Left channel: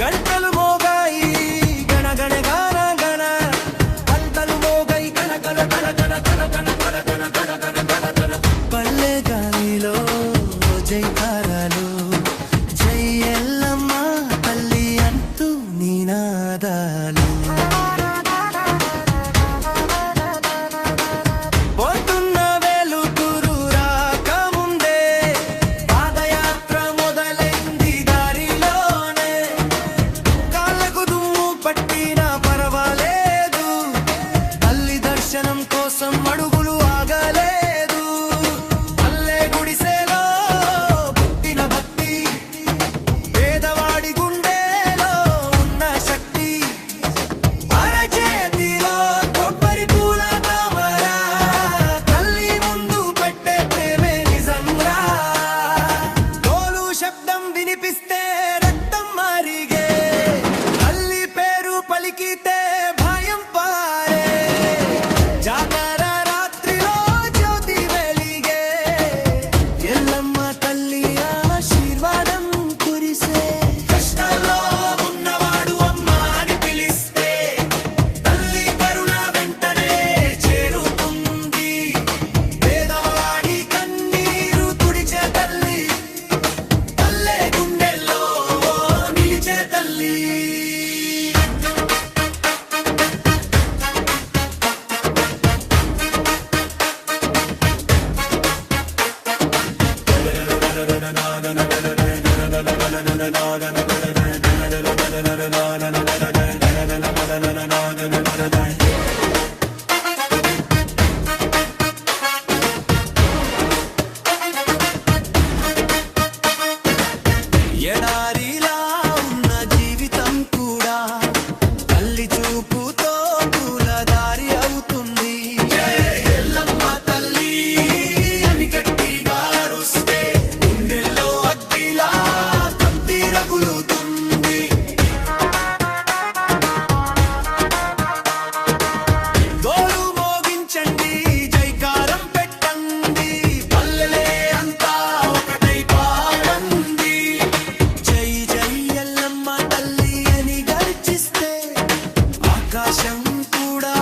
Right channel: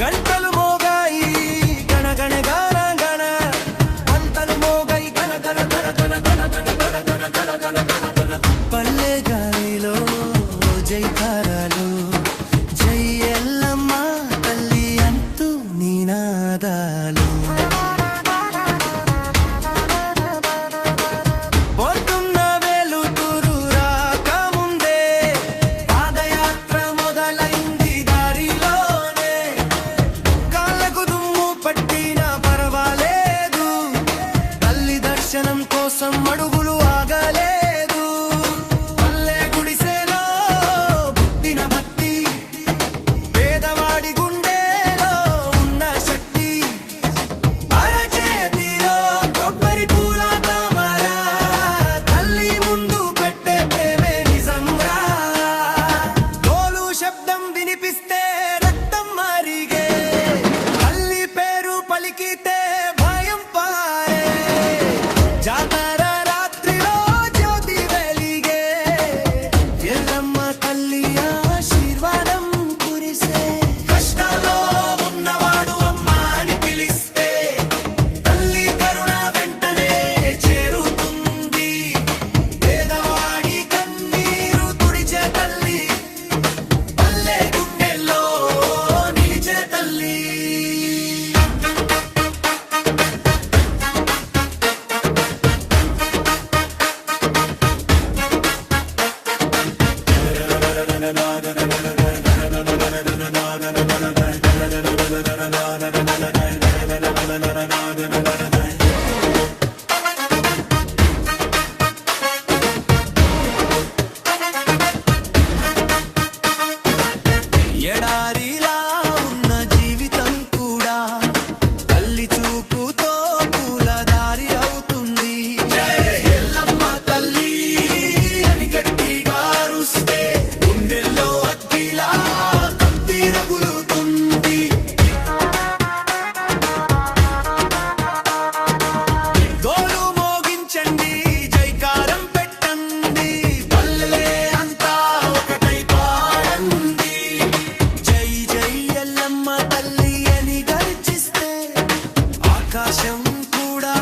గంటలు మోగాయి గణ గణ గణ గణ పంటలు మోగాయి గణ గణ గణ గణ గణ గణ గణ గణ గణ గణ గణ పల్లె గాలిలో జైకారాలు జై ఎల్లమ్మ తల్లి అంటూ నినాదాలు దర్శనం కోసం అడుగులు ఆగలేదు పల్లె గుడిసెలో పుట్టిన భక్తి పేదవాడి గుండెలో ఉన్న శక్తి అరచేతిలో కొబ్బరి పూల తామర తల్లి ముందు పెట్టే ప్రేమే నిజంరా డోలు శబ్దం వినిపిస్తే రక్తం మారిగే తల్లి పేరు పలికితే భయం పారే జాతర రాత్రిలో జ్యోతి వెలిగే ఎల్లమ్మ తల్లి ఆశీర్వాదం కురిసే కష్టాల్లో ఉన్నవాడు అమ్మ అని పిలిస్తే తల్లి కరుణ వెంటనే చేరుతుంది పేదవాడి కన్నీరు తుడిచే తల్లి పల్లె గుండెల్లో నిలిచే తల్లి ఎడారిలా ఉన్న జీవితం కూడా తల్లి చూపుతో పూలదారి అవుతుంది ఎల్లమ్మ తల్లి అని గట్టిగా అరుస్తే గుండెల్లో అగ్గిలా కత్తి రగులుతుంది డోలు మోగించండి జైకారం పెట్టండి పల్లెలే అంతా ఒకటై పాడండి జై జై ఎల్లమ్మ తల్లి అని గర్జిస్తే ఆకాశం కూడా